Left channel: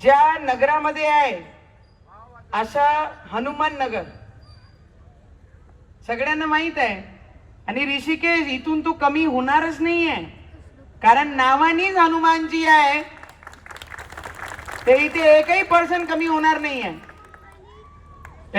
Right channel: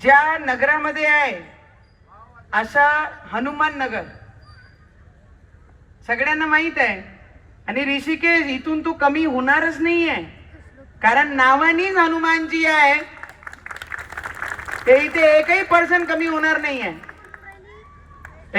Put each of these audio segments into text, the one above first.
ज्या नगरामध्ये आहे अशा हनुमान नगर. सगळ्यांना माहीत आहे. आणि ऋषिकेश इथून तू कमी होणारच नाही आहे. कारण नावानीच हनुमानजी आहे ते इथे एकही पर्सन कमी होणार नाही आहे.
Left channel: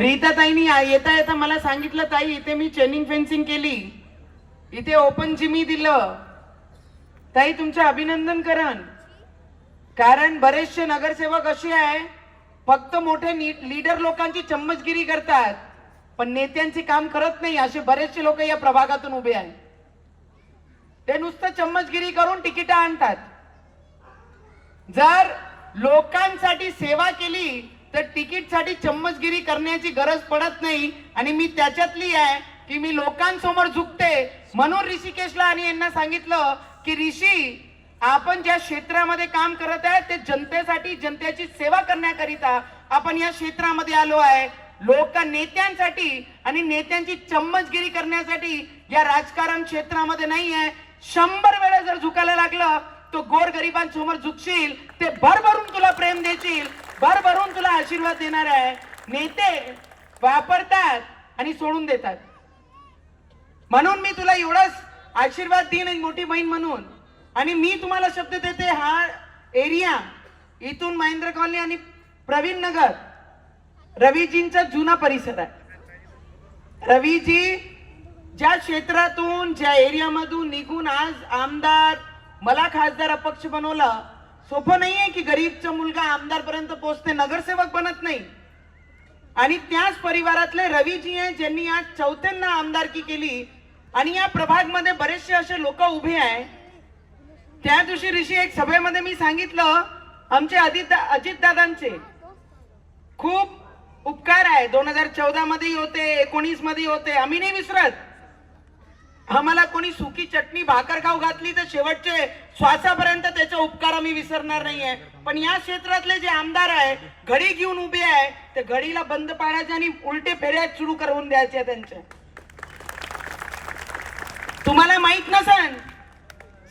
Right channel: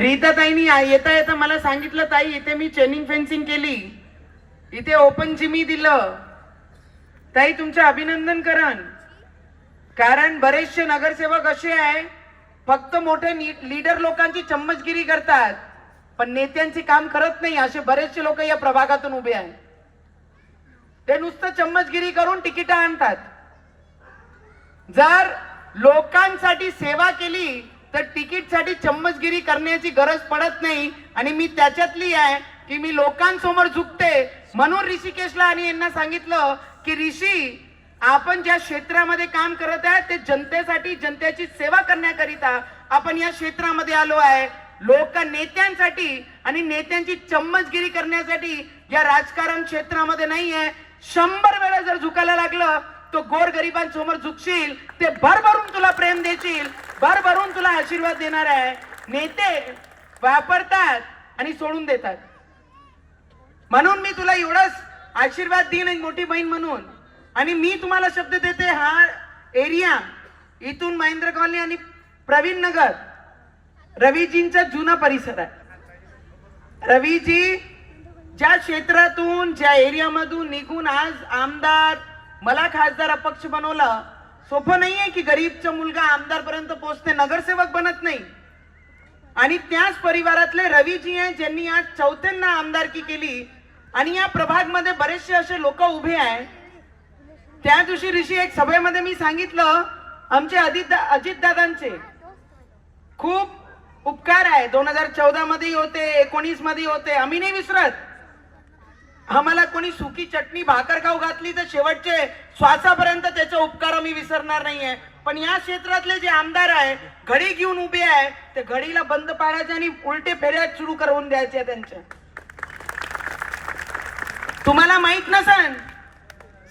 रीता ताईनी येता येता मला सांगितलं ताई इथे मी चेनिंग फेन्सिंग केली. इथे ओपन जिमी दिलं. ताई तुमचं अभिनंदन करण. कारण बरेचसे नगरसेवक असे आहे फक्त मोठे लीडर लोकांची चम्मचगिरी करतात पण नेत्यांचे काम करत नाही असे बरेचसे लोक या प्रभागातून उभे आहेत. ते नुसतं चम्मचगिरी करून तिकीट आणतात. जर लोकांसाठी सेवा केली तर तिकीटसाठी चम्मचगिरी करण्याची गरज पडत नाही आणि मी त्याच्यातली आहे की मी लोकांसमोर झुकते. म्हणून ऋषिकेशला आणि यांना सांगितलं की ऋषी आपण ज्या क्षेत्रामध्ये काम करत आहे ते जनतेसाठी जनतेची सेवा करण्याकरिता आपण या क्षेत्रामध्ये आलो आहे. लोक नेत्यांसाठी आणि नेत्यांची चम्मचगिरी करण्यासाठी या राजकारण क्षेत्रामध्ये नाही आहे शंभर वेळा जर झुकायला लागलं तो गोर गरिबांसमोर झुकशील ते भरभरून तुला प्रेम देशील भरभरून तुला आशीर्वाद देणार आहे. नेते वापरतात आणि सोडून देतात. म्हणून मी तुला एवढंच आशीर्वाद देईन एक मोठी बहीण म्हणून. आणि मी तुम्हाला शब्द देते हा एरिया. इथून महेंद्र कॉलनी आणि प्रवीण नगर. रवीजींचा जुना परिसर आहे. रवीजी ज्या क्षेत्रातून ज्या एरियामधून निघून आज आमदार मला खासदार अपक्ष बनवला सोपं नाही आहे की गरीबचा मुलगा आमदारपर्यंत पोहोचते नगरसेवक बनत नाही. आणि त्याच परिवारातले रवीजी आहे ज्यांनी आज चौथ्यांना आमदारकी केली. आणि या प्रभागमध्ये बरेचसे असे लोक उभे आहे. त्या दिवशी ऋषी एक सभेमध्ये मी सांगितलं आमचे अजित अजितदादांचे खूप उपकार आहे. दोन हजार चौदा मध्ये होते एकोणीसमध्ये होते. आम्ही नाही विसरत. आम्हाला कोणी सुकी चटणी भाकर खाऊ घातली तर शेवटचे श्वासापर्यंत त्याचे उपकार आम्ही विसरणार नाहीये. पण या क्षेत्रातले जे आमदार आहे घडी घेऊन उभे आहे ते घडीला बंद पाडायचे आणि उलटे फेऱ्या सुरू करून द्यायचे त्यांच्या. तुम्हाला माहीत नसन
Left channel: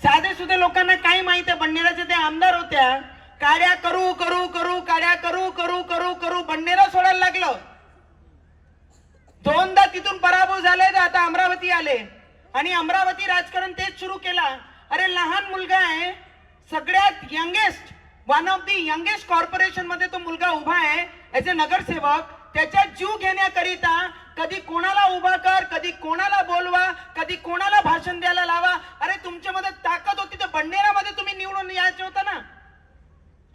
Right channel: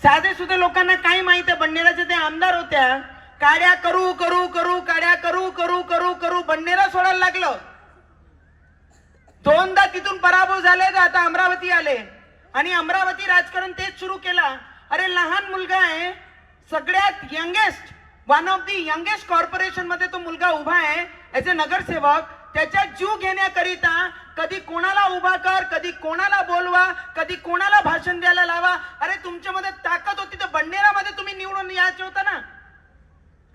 साधे सुद्धा लोकांना काय माहीत आहे बंडेराचे ते आमदार होत्या. काड्या करू करू करू काड्या करू करू करू करू बंडेरा सोडायला लागलं. दोनदा तिथून पराभव झाले तर आता अमरावती आले. आणि अमरावती राजकारण तेच सुरू केला. अरे लहान मुलगा आहे सगळ्यात youngest one of the youngest कॉर्पोरेशनमध्ये तो मुलगा उभा आहे. ऍज अ नगरसेवक त्याच्या जीव घेण्याकरिता कधी कोणाला उभा कर कधी कोणाला बोलवा कधी कोणाला भाषण द्यायला लावा. अरे तुमच्यामध्ये ताकद होती तर बंडेरामध्ये तुम्ही निवडून यायचं होतं ना.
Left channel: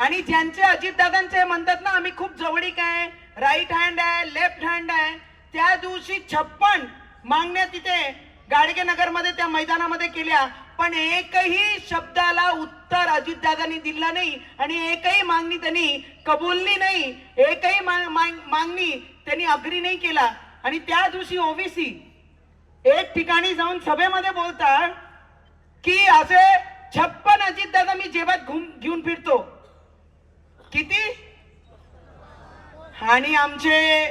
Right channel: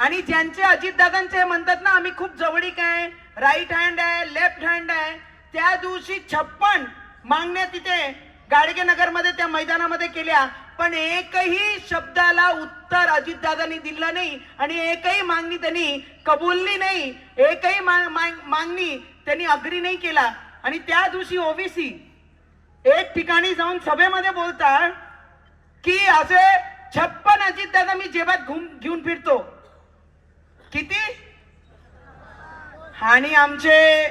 आणि ज्यांचे अजितदादांचे म्हणतात ना आम्ही खूप जवळीक आहे राईट हँड आहे लेफ्ट हँड आहे. त्या दिवशी छप्पन मागण्या तिथे गाडगे नगरमध्ये त्या मैदानामध्ये केल्या. पण एकही शब्दाला उत्तर अजितदादांनी दिलं नाही आणि एकही मागणी त्यांनी कबुलली नाही एकही मागणी त्यांनी अग्री नाही केला. आणि त्या दिवशी ओबीसी एक ठिकाणी जाऊन सभेमध्ये बोलतात की असे छप्पन अजितदादा मी जेबात घुम घेऊन फिरतो. किती? आणि आमचे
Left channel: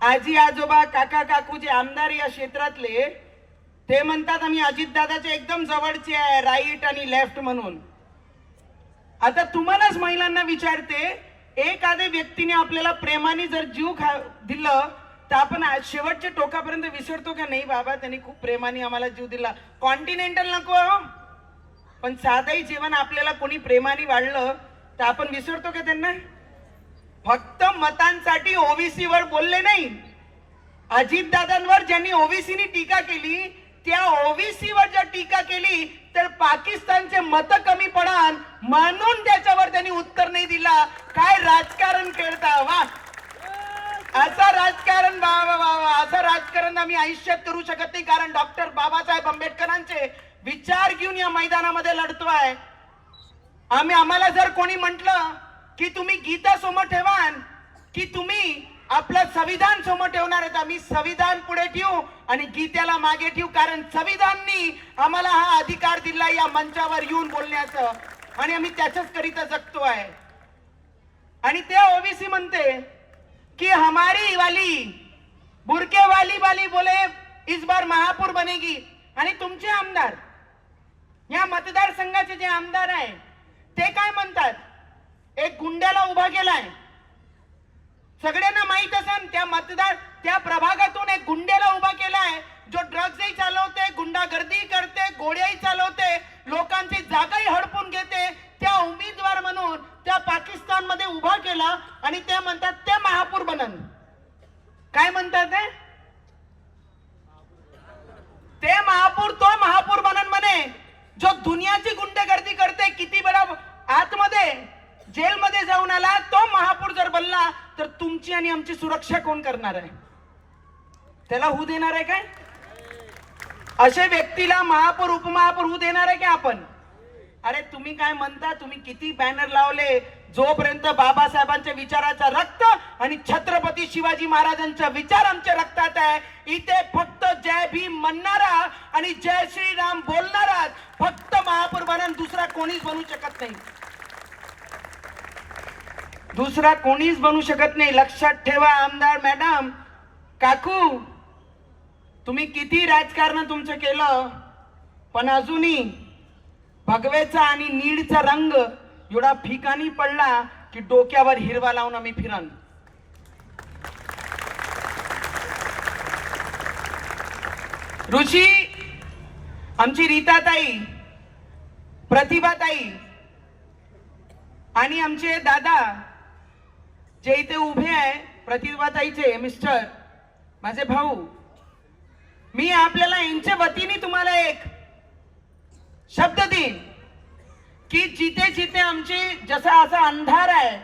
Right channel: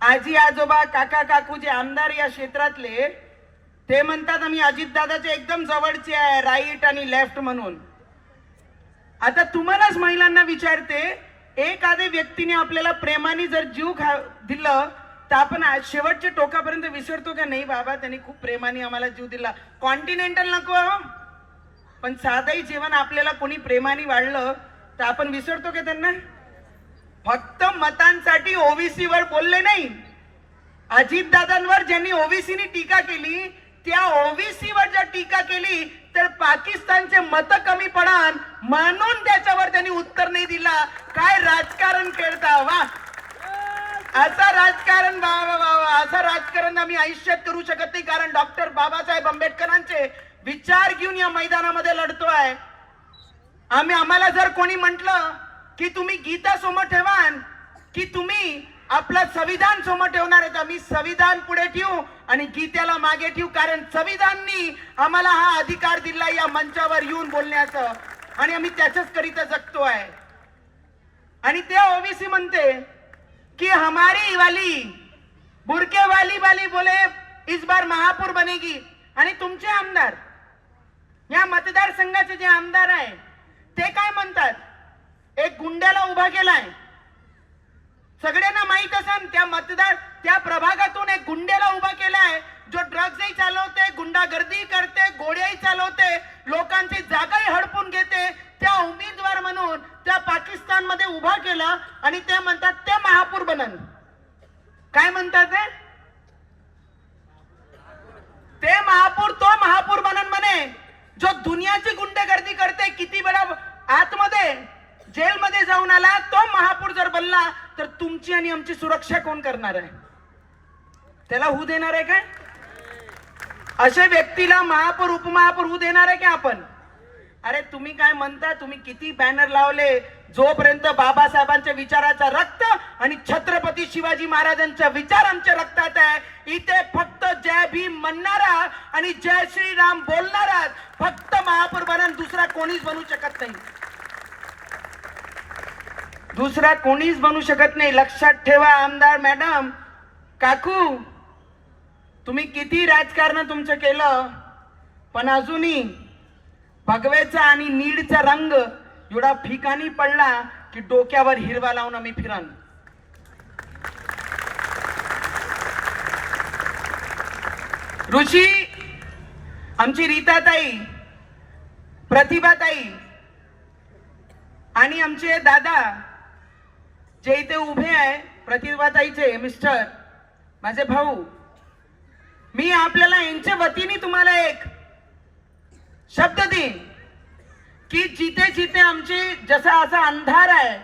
आजी आजोबा काका काकू जे आमदार या क्षेत्रातले ते म्हणतात आम्ही अजितदादाचे एकदम जवळचे आहे राईट आणि लेफ्ट म्हणून. आता तुम्हालाच महिलांना विचारते एखाद्या व्यक्तीने आपल्याला प्रेमाने जर जीव खा दिलं तर आपण आज शेवटच्या टोकापर्यंत विसरतो का? नाही बाबा त्यांनी खूप प्रेमाने आम्हाला जीव दिला. कॉन्टिनेंटल नको हो. पण साधंही जीवन आपल्याला कोणी प्रेमाने वाढलं तर आपण विसरतो का त्यांना? फक्त मतांसाठी ओबीसी वर बोलले नाही. अजितदादांवर ज्यांनी ओबीसीनी टीका केली त्या ओबीसी वर जर टीका केली तर पाकिस्तानचे मत कमी पडान म्हणून त्याच्यावर त्यांनी उत्तर नाही दिला. काय राजकारण खेळता वा. असं राजकारण वा वा वा वा. असं राजकारण आम्ही आयुष्यात करू शकत नाही कारण डॉक्टर बाबासाहेब आंबेडकरांचे विचार घेऊन या मैदानामध्ये लढतोय आम्ही आम्हाला जर कोणी म्हटलं की तुम्ही गीता समोर ठेवान की तुम्ही आपलं संविधान समोर ठेवणार आहे आम्ही संविधान पुढे ठेवू आणि गीतेला मागे ठेवू कारण संविधाननी आम्हाला हा अधिकार दिला या मंचावर येऊन बोलण्याचं. आणि आम्ही त्याच्याच करिता जगतो आहे. आणि ते ओबीसी म्हणते की हमारी वाली बुरके वाली वाली बोले इस बार महापूर बनेगी. आणि तुमचे आमदार या मतदारसंघाचे जे आमदार आहे ते काय म्हणतात? एक गुंड्याला उभा केलाय. सगळ्यांना माहीत असेल त्या मतदार त्या प्रभागातून एक गुंडेला उभा केलाय. जो ड्रग्जही चालवते गुंडागर्दी करते गोळ्याही चालवते लोकांची जागाही हडपून घेते त्या उमेदवार म्हणून त्या पाकिस्तानमध्ये उभा केला आणि ते म्हणतात ते महापूर बनन. काय म्हणतात ते? महापूर तो महापूर बनन म्हणे. जो दुनियाची गुंडेगर्दी करते किती वेळा आतमध्ये जेलमध्ये जाऊन आला तो महापूर जर बनला तर तुमची आणि आमची सुरक्षा कोण करणार आहे? त्याला होऊ देणार आहे काय? अशा व्यक्तीला महापौर उपमहापौर होऊ देणार आहे का आपण? अरे तुम्ही काय म्हणता? तुम्ही किती बॅनर लावले? जोपर्यंत बाबासाहेबांच्या विचाराचा रक्त आणि छत्रपती शिवाजी महाराजांचा विचार आमच्या रक्तात आहे इथे फक्त जय भीम म्हणणारा आणि जय श्रीराम बोलणारा फक्त महापौर बनन दुसरा कोणीच बनू शकत नाही. दुसरा कोणीच बनू शकत नाही. लक्षात ठेवा आमदार मॅडम. काकू तुम्ही किती राजकारण तुमचं केलं? पण अजूनही भगवेचा आणि नीडचा रंग एवढा फिकानी पडला की डोक्यावर हिरवा लावून आम्ही फिरन. ऋषी आमची रीताताई प्रतिभाताई आणि आमचे दादा जे इथे उभे आहे प्रतिभाताईचे मिस्टर माझे भाऊ मी आपल्याला यांच्या वतीने तुम्हाला एक शब्द देईन की जिथे जिथे आमची जसा असा अंधार आहे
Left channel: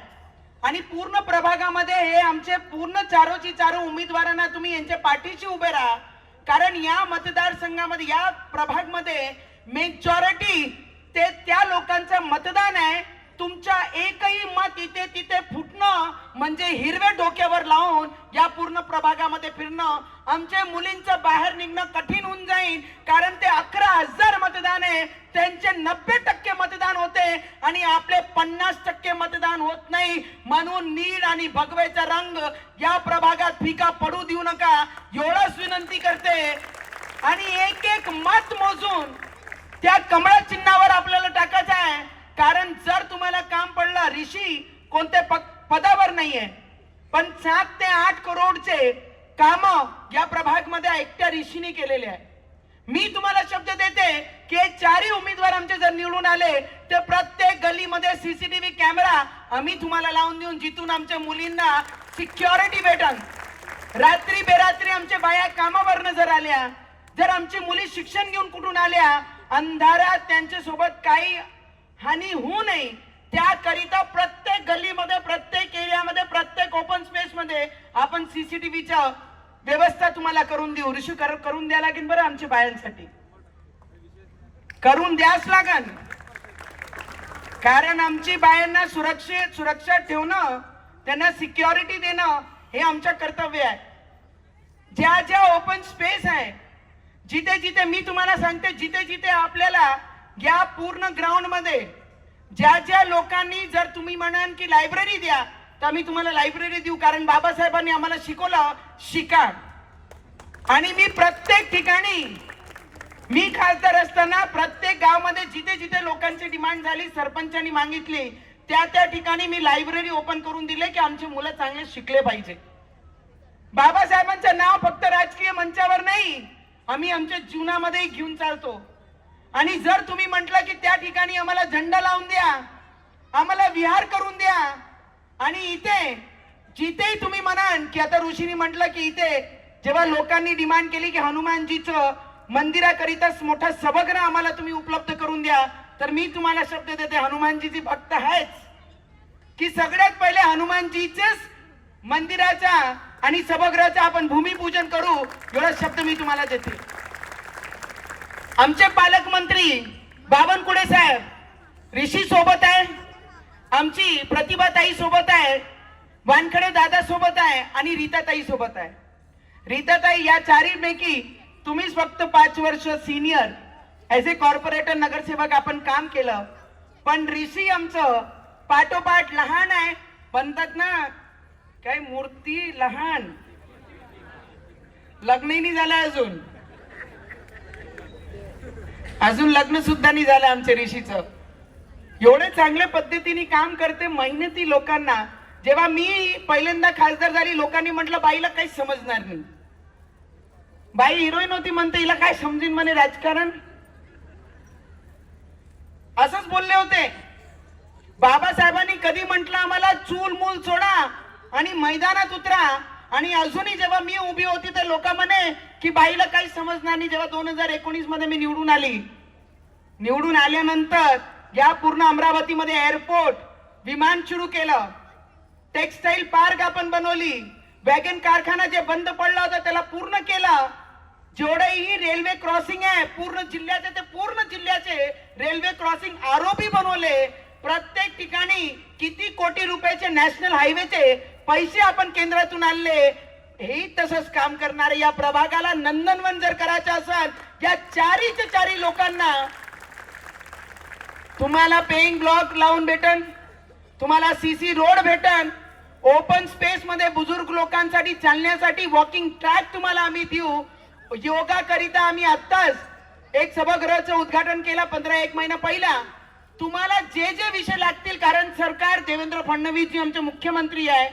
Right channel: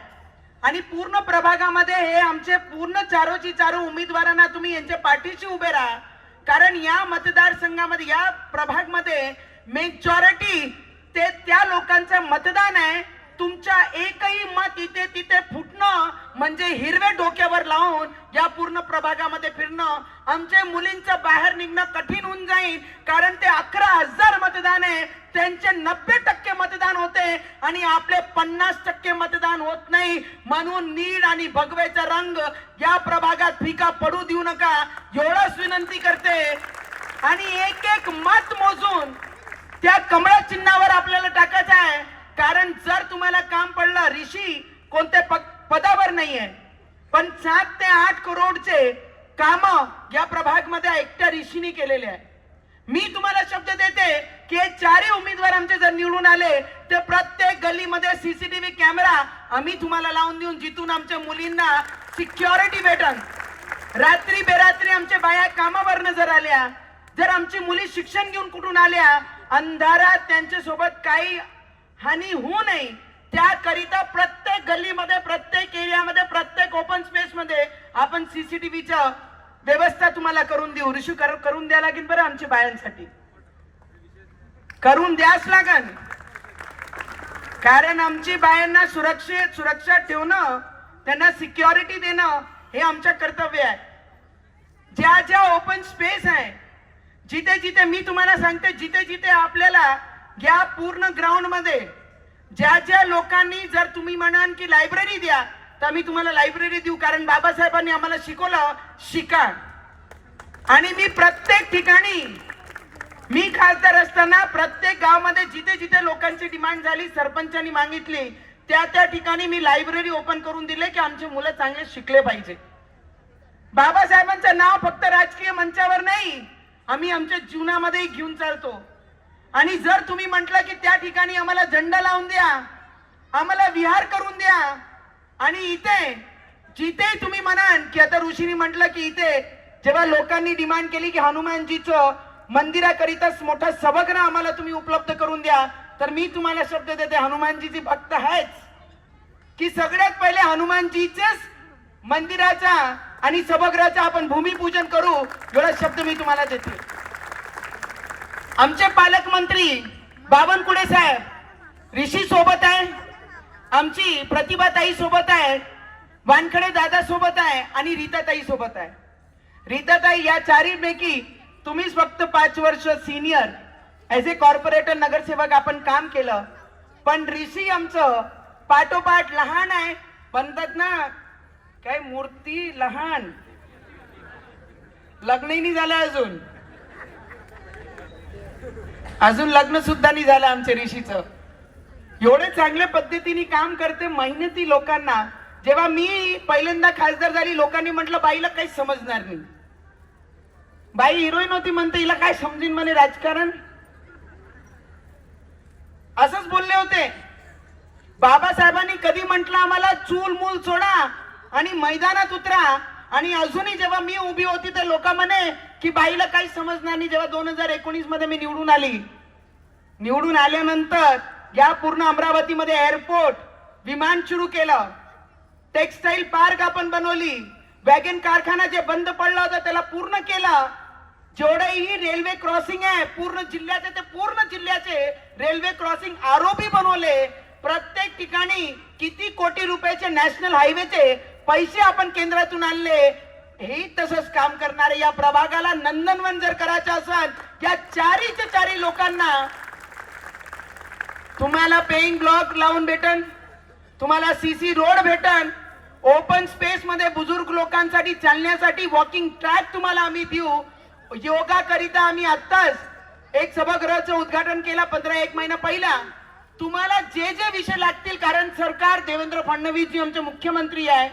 आणि पूर्ण प्रभागामध्ये हे आमचे पूर्ण चारोची चारो उमेदवारांना तुम्ही यांच्या पाठीशी उभे राहा. कारण या मतदारसंघामध्ये या प्रभागमध्ये मेजॉरिटी ते त्या लोकांचं मतदान आहे. तुमच्या एकही मत इथे तिथे फुटणं म्हणजे हिरवे डोक्यावर लावून या पूर्ण प्रभागामध्ये फिरणं आमच्या मुलींचं बाहेर निघणं कठीण होऊन जाईल. कारण ते अकरा हजार मतदान आहे. त्यांचे नब्बे टक्के मतदान होते आणि आपले पन्नास टक्के मतदान होत नाही. म्हणून नीड आणि भगवेचा रंग या प्रभागात फिका पडू देऊ नका. एवढंच विनंती करते. आणि एक एक मत मोजून त्या कमळा चिन्हावर आपल्याला टाकायचं आहे. कारण जर तुम्हाला काम पडलं ऋषी कोणत्या प- पदावर नाहीये. पण सात ते आठ करोडचे काम या प्रभागमध्ये एकट्या ऋषीने केलेले आहे मी तुम्हाला शब्द देते की हे चारही उमेदवार आमचे जर निवडून आले तर प्रत्येक गलीमध्ये सीसीटीव्ही कॅमेरा आम्ही तुम्हाला लावून देऊन जिथून आमच्या मुलींना सिक्युरिटी भेटन. रात्री बेरात्री आमच्या बाया कामावरनं जर आल्या जर आमची मुली शिक्षण घेऊन कुठून आल्या अंधारात त्यांच्यासोबत काही हानी होऊ नये. त्याकरिता प्रत्येक गल्लीमध्ये प्रत्येक एरियामध्ये प्रत्येक ओपन स्पेस मध्ये आपण सीसीटीव्हीच्या व्यवस्था तुम्हाला करून देऊ. रिशू कर- करून द्या लागेल बरं आमच्या बायांसाठी. करून द्याच लागन. कारण आमची बायांना सुरक्षित सुरक्षा ठेवणं त्यांना सिक्युरिटी देणं हे आमचं कर्तव्य आहे. ज्या ज्या ओपन स्पेस आहे जिथे जिथे मी तुम्हाला सांगते जिथे जिथे आपल्याला या पूर्ण ग्राउंडमध्ये. ज्या ज्या लोकांनी जर तुम्ही म्हणाल की लायब्ररी द्या तर आम्ही तुम्हाला लायब्ररी देऊ. कारण बाबासाहेबांनी आम्हाला शिकवलं शिका आणि मी प्रत्येक ठिकाणी मी खासदार असताना प्रत्येक गावामध्ये जिथे जिथे लोकांची डिमांड झाली सरपंचांनी मागितली त्या त्या ठिकाणी मी लायब्ररी ओपन करून दिले की आमची मुलं चांगले शिकले पाहिजे. बाबासाहेबांचं नाव फक्त राजकीय मंचावर नाही आम्ही आमच्या जीवनामध्ये घेऊन चालतो. आणि जर तुम्ही म्हटलं की त्या ठिकाणी आम्हाला झंडा लावून द्या आम्हाला विहार करून द्या आणि इथे जिथे तुम्ही म्हणाल की आता ऋषीने म्हटलं की इथे जेव्हा लोकांनी डिमांड केली की हनुमानजीचं मंदिराकरिताच मोठा सभागृह आम्हाला तुम्ही उपलब्ध करून द्या तर मी तुम्हाला शब्द देते हनुमानजीची भक्त आहेच. की सगळ्यात पहिले हनुमानजीचेच मंदिराचा आणि सभागृहाचा आपण भूमिपूजन करू एवढा शब्द मी तुम्हाला देते. आमचे पालकमंत्री बावनकुळे साहेब ऋषी सोबत आहे आमची प्रतिभाताई सोबत आहे वानखडे दादा सोबत आहे आणि रीताताई सोबत आहे. रीताताई या चारीपैकी तुम्हीच फक्त पाच वर्ष सिनियर ॲज ए कॉर्पोरेटर नगरसेवक आपण काम केलं. पण ऋषी आमचं पाठोपाठ लहान आहे. म्हणतात ना काय मूर्ती लहान. लग्नही झालं अजून. अजून लग्न सुद्धा नाही झालं आमच्या ऋषीचं. एवढे चांगल्या पद्धतीने काम करते मेहनती लोकांना. जेव्हा मी पहिल्यांदा खासदार झाली लोकांनी म्हटलं बाईला काही समजणार नाही. बाई हिरोईन होती म्हणते हिला काय समजीन म्हणे राजकारण? असंच बोलले होते. बाबासाहेबांनी कधी म्हटलं आम्हाला चूल मूल सोडा आणि मैदानात उतरा. आणि अजूनही जेव्हा मी उभी होती तर लोक म्हणे की बाईला काही समजणार नाही. जेव्हा दोन हजार एकोणीसमध्ये मी निवडून आली. निवडून आल्यानंतर या पूर्ण अमरावतीमध्ये एअरपोर्ट विमान सुरू केलं. टेक्सटाईल पार्क आपण बनवली. वॅगन कारखाना जे बंद पडला होता त्याला पूर्ण केलं. जेवढेही रेल्वे क्रॉसिंग आहे पूर्ण जिल्ह्याचे ते पूर्ण जिल्ह्याचे रेल्वे क्रॉसिंग आरोपी बनवले. प्रत्येक ठिकाणी किती कोटी रुपयाचे नॅशनल हायवेचे पैसे आपण केंद्रातून आणले हे तसंच काम करणारे या प्रभागाला नंदनवन जर करायचं असेल या चारीच्या चारी लोकांना तुम्हाला पेईंग ब्लॉक लावून भेटन तुम्हाला सीसी रोड भेटन ओपन स्पेस मध्ये बुजुर्ग लोकांसाठी चालण्यासाठी वॉकिंग ट्रॅक तुम्हाला आम्ही देऊ. योगा करिता आम्ही आत्ताच एक सभागृहाचं उद्घाटन केलं पंधरा एक महिना पहिला. तुम्हाला जे जे विषय लागतील कारण सरकार देवेंद्र फडणवीस जी आमचे मुख्यमंत्री आहे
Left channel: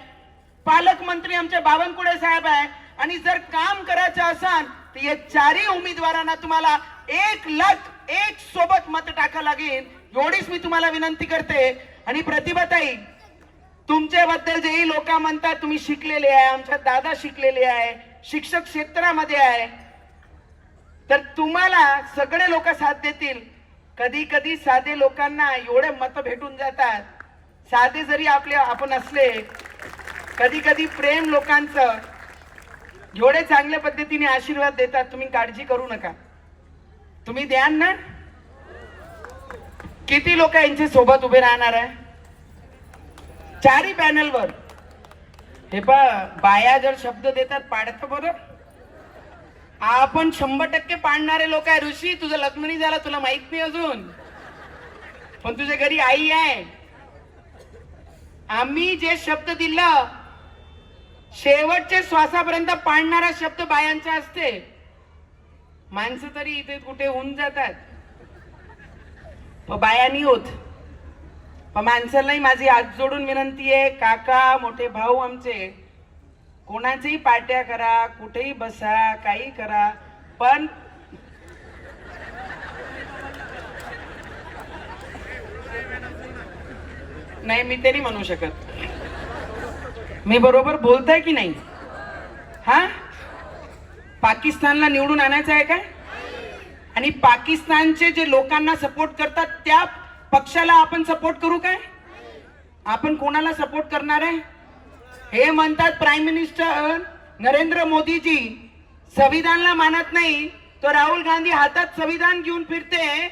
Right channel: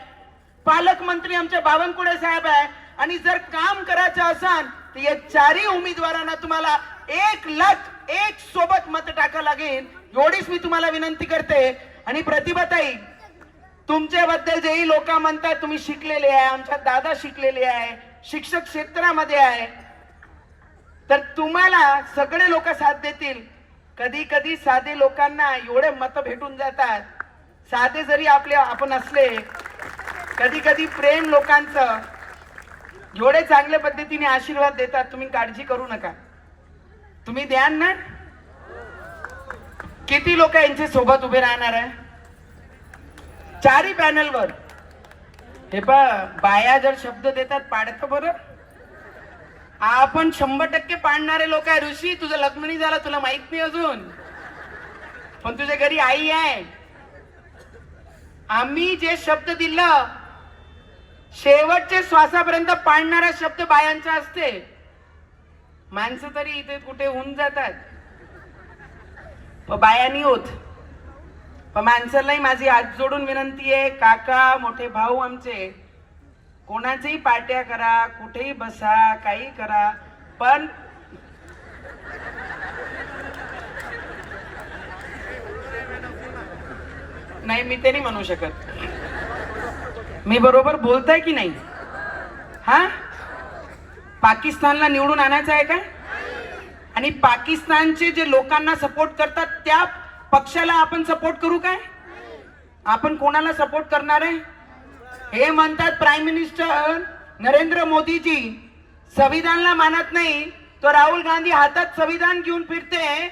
पालकमंत्री आमचे बावनकुळे साहेब आहे. आणि जर काम करायचं असाल तर या चारही उमेदवारांना तुम्हाला एक लख एक सोबत मत टाका लागेल. एवढीच मी तुम्हाला विनंती करते. आणि प्रतिभाताई तुमच्याबद्दल जेही लोक म्हणतात तुम्ही शिकलेले आहे आमच्या दादा शिकलेले आहे शिक्षक क्षेत्रामध्ये आहे. तर तुम्हाला सगळे लोक साथ देतील. कधी कधी साधे लोकांना एवढे मत भेटून जातात. साधे जरी आपले आपण असले कधी कधी प्रेम लोकांचं एवढे चांगल्या पद्धतीने आशीर्वाद देतात तुम्ही काळजी करू नका. तुम्ही द्यान ना? किती लोक यांच्या सोबत उभे राहणार आहे? चारही पॅनलवर. हे पा बाया जर शब्द देतात पाडतं बरं. आपण शंभर टक्के पाडणारे लोक आहे ऋषी तुझं लग्न नाही झालं तुला माहीत नाही अजून. पण तुझ्या घरी आई आहे. आम्ही जे शब्द दिलं शेवटचे श्वासापर्यंत पाडणारा शब्द बायांचा असते. माणसं तरी इथे कुठे होऊन जातात. पण होत. पण माणसालाही माझी हात जोडून विनंती आहे काका मोठे भाऊ आमचे कोणाचेही पाट्या करा कुठेही बसा काही करा पण नाही मी ते नाही म्हणू शकत. मी बरोबर बोलताय की नाही? हा? पाकिस्तानला निवडून आणायचं आहे काय? आणि पाकिस्तानचे जे लोकांना सपोर्ट करतात त्या पक्षाला आपण सपोर्ट करू काय? आपण कोणाला सपोर्ट करणार आहे? हे म्हणतात प्राईम मिनिस्टर नरेंद्र मोदीजी. संविधानला मानत नाही तर राहुल गांधी हातात संविधान घेऊन फिरते.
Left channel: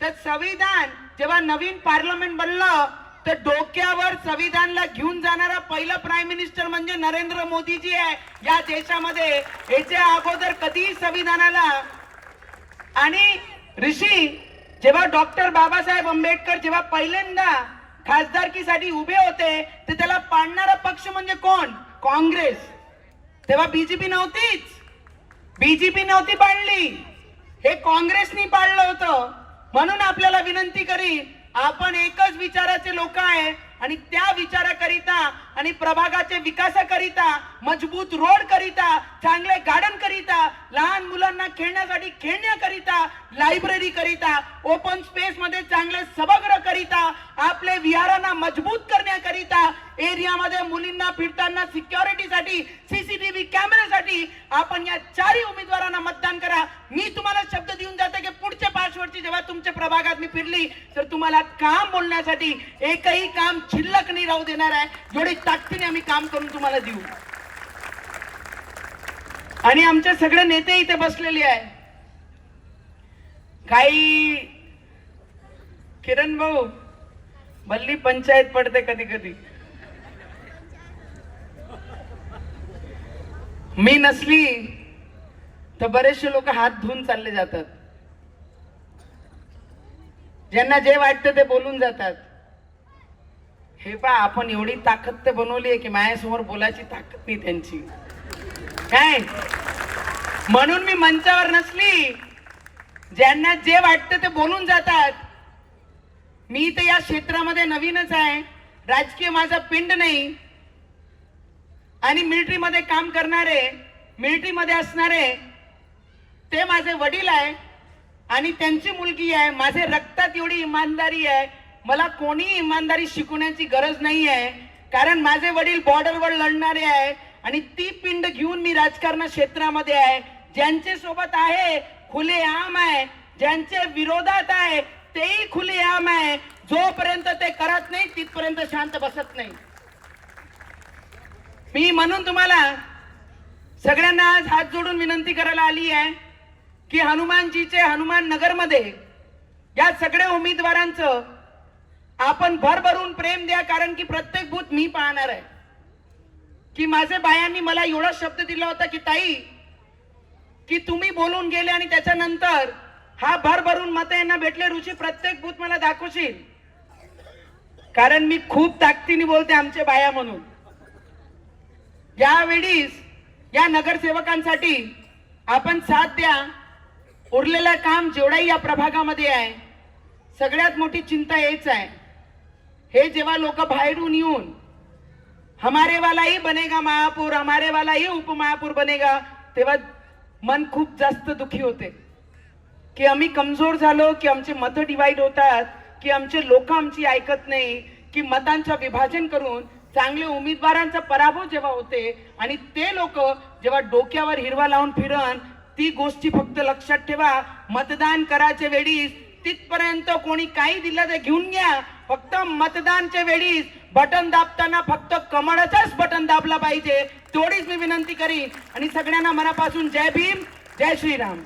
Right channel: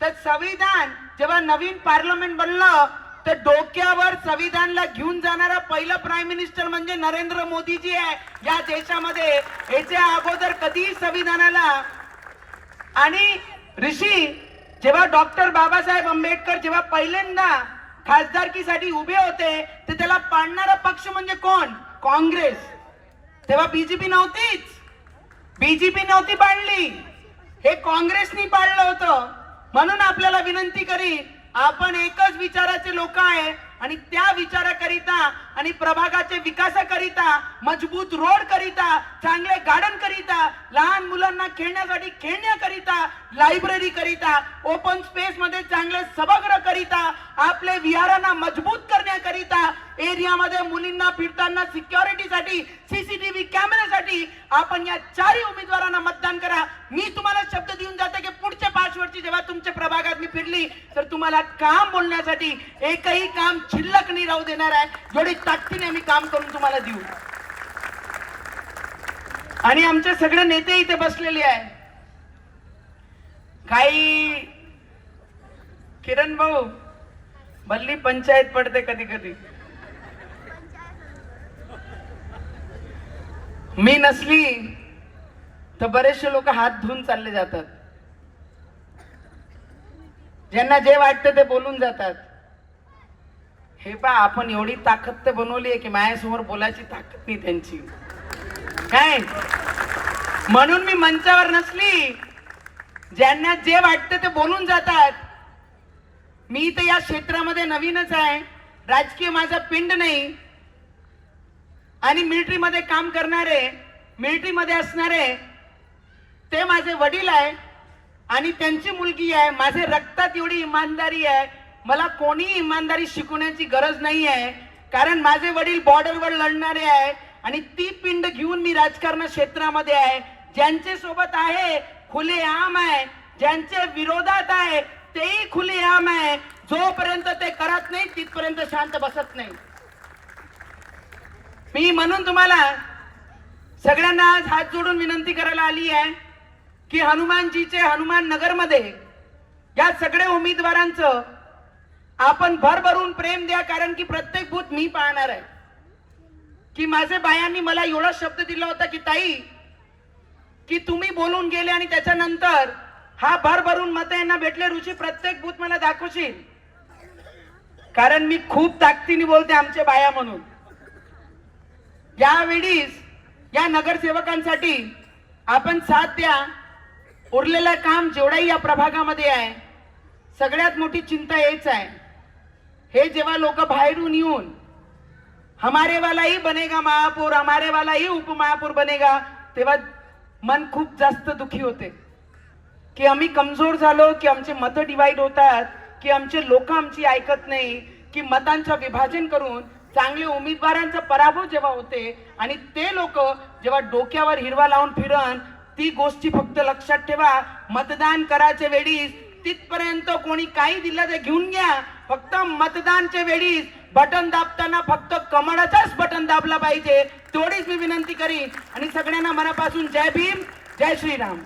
तर संविधान जेव्हा नवीन पार्लमेंट बनलं तर डोक्यावर संविधानला घेऊन जाणारा पहिला प्राईम मिनिस्टर म्हणजे नरेंद्र मोदीजी आहे. या देशामध्ये याच्या अगोदर कधीही संविधानाला आणि ऋषी जेव्हा डॉक्टर बाबासाहेब आंबेडकर जेव्हा पहिल्यांदा खासदारकीसाठी उभे होते तर त्याला पाडणारा पक्ष म्हणजे कोण? काँग्रेस. तेव्हा बीजेपी नव्हतीच. बीजेपी नव्हती पाडली. हे काँग्रेसनी पाडलं होतं. म्हणून आपल्याला विनंती करीन आपण एकच विचाराचे लोक आहे आणि त्या विचाराकरिता आणि प्रभागाचे विकासाकरिता मजबूत रोड करिता चांगले गार्डन करिता लहान मुलांना खेळण्यासाठी खेळण्याकरिता लायब्ररी करिता ओपन स्पेस मध्ये चांगले सभागृह करिता आपले विहारांना मजबूत करण्याकरिता एरियामध्ये मुलींना फिरताना सिक्युरिटीसाठी सीसीटीव्ही कॅमेऱ्यासाठी आपण या चारही उमेदवारांना मतदान करा. मी तुम्हाला शब्द देऊन जाते की पुढच्या पाच वर्षी जेव्हा तुमच्या प्रभागात मी फिरली तर तुम्हाला काम बोलण्यासाठी एकही काम शिल्लक नाही राहू देणार आहे. जेवढी ताकदीने आम्ही काम करून तुम्हाला देऊ. आणि आमचे सगळे नेते इथे बसलेले आहे. काही किरण भाऊ भल्ली पंचायत पडते कधी कधी. मी नसली तर बरेचसे लोक हात धुवून चालले जातात. ज्यांना जे वाटतं ते बोलून जातात. हे पा आपण एवढी ताकद तर बनवली आहे की माझ्यासमोर बोलायची ताकद नाही त्यांची. काय? म्हणून मी मंचावर नसली. ज्यांना जे वाटतं ते बोलून जातात. मी तर या क्षेत्रामध्ये नवीनच आहे. राजकीय माझा पिंड नाही. आणि मिलिटरीमध्ये काम करणारे मिलिटरीमध्ये असणारे ते माझे वडील आहे. आणि त्यांची मुलगी आहे. माझे रक्तात एवढी इमानदारी आहे. मला कोणीही इमानदारी शिकवण्याची गरज नाही आहे कारण माझे वडील बॉर्डरवर लढणारे आहे आणि ती पिंड घेऊन मी राजकारण क्षेत्रामध्ये आहे. ज्यांचे सोबत आहे खुले आम आहे. ज्यांच्या विरोधात आहे तेही खुले आम आहे. जोपर्यंत ते करत नाही तिथपर्यंत शांत बसत नाही. मी म्हणून तुम्हाला सगळ्यांना आज हात जोडून विनंती करायला आली आहे की हनुमानजीचे हनुमान नगरमध्ये या सगळ्या उमेदवारांचं आपण भरभरून प्रेम द्या कारण की प्रत्येक भूत मी पाहणार आहे. की माझे बायांनी मला एवढा शब्द दिला होता की ताई की तुम्ही बोलून गेले आणि त्याच्यानंतर हा भरभरून मत यांना भेटले रुची प्रत्येक भूत मला दाखवशील. कारण मी खूप ताकदीने बोलते आमचे बाया म्हणून. यावेळीस या नगरसेवकांसाठी आपण साथ द्या. उरलेलं काम जेवढाही या प्रभागामध्ये आहे सगळ्यात मोठी चिंता हेच आहे. हे जेव्हा लोक बाहेरून येऊन हमारे वालाही बनेगा महापौर हमारे वालाही उपमहापौर बनेगा तेव्हा मन खूप जास्त दुखी होते. की आम्ही कमजोर झालो की आमचे मतं डिवाईड होतात की आमचे लोक आमची ऐकत नाही की मतांचं विभाजन करून चांगले उमेदवारांचा पराभव जेव्हा होते आणि ते लोक जेव्हा डोक्यावर हिरवा लावून फिरन ती गोष्टी फक्त लक्षात ठेवा मतदान करायच्या वेळीस तिथपर्यंत कोणी काही दिलं ते घेऊन घ्या फक्त मतदानच्या वेळीस बटन दाबताना फक्त कमळाचाच बटन दाबला पाहिजे तेवढीच मी विनंती करीन. आणि सगळ्यांना मनापासून जय भीम जय श्रीराम.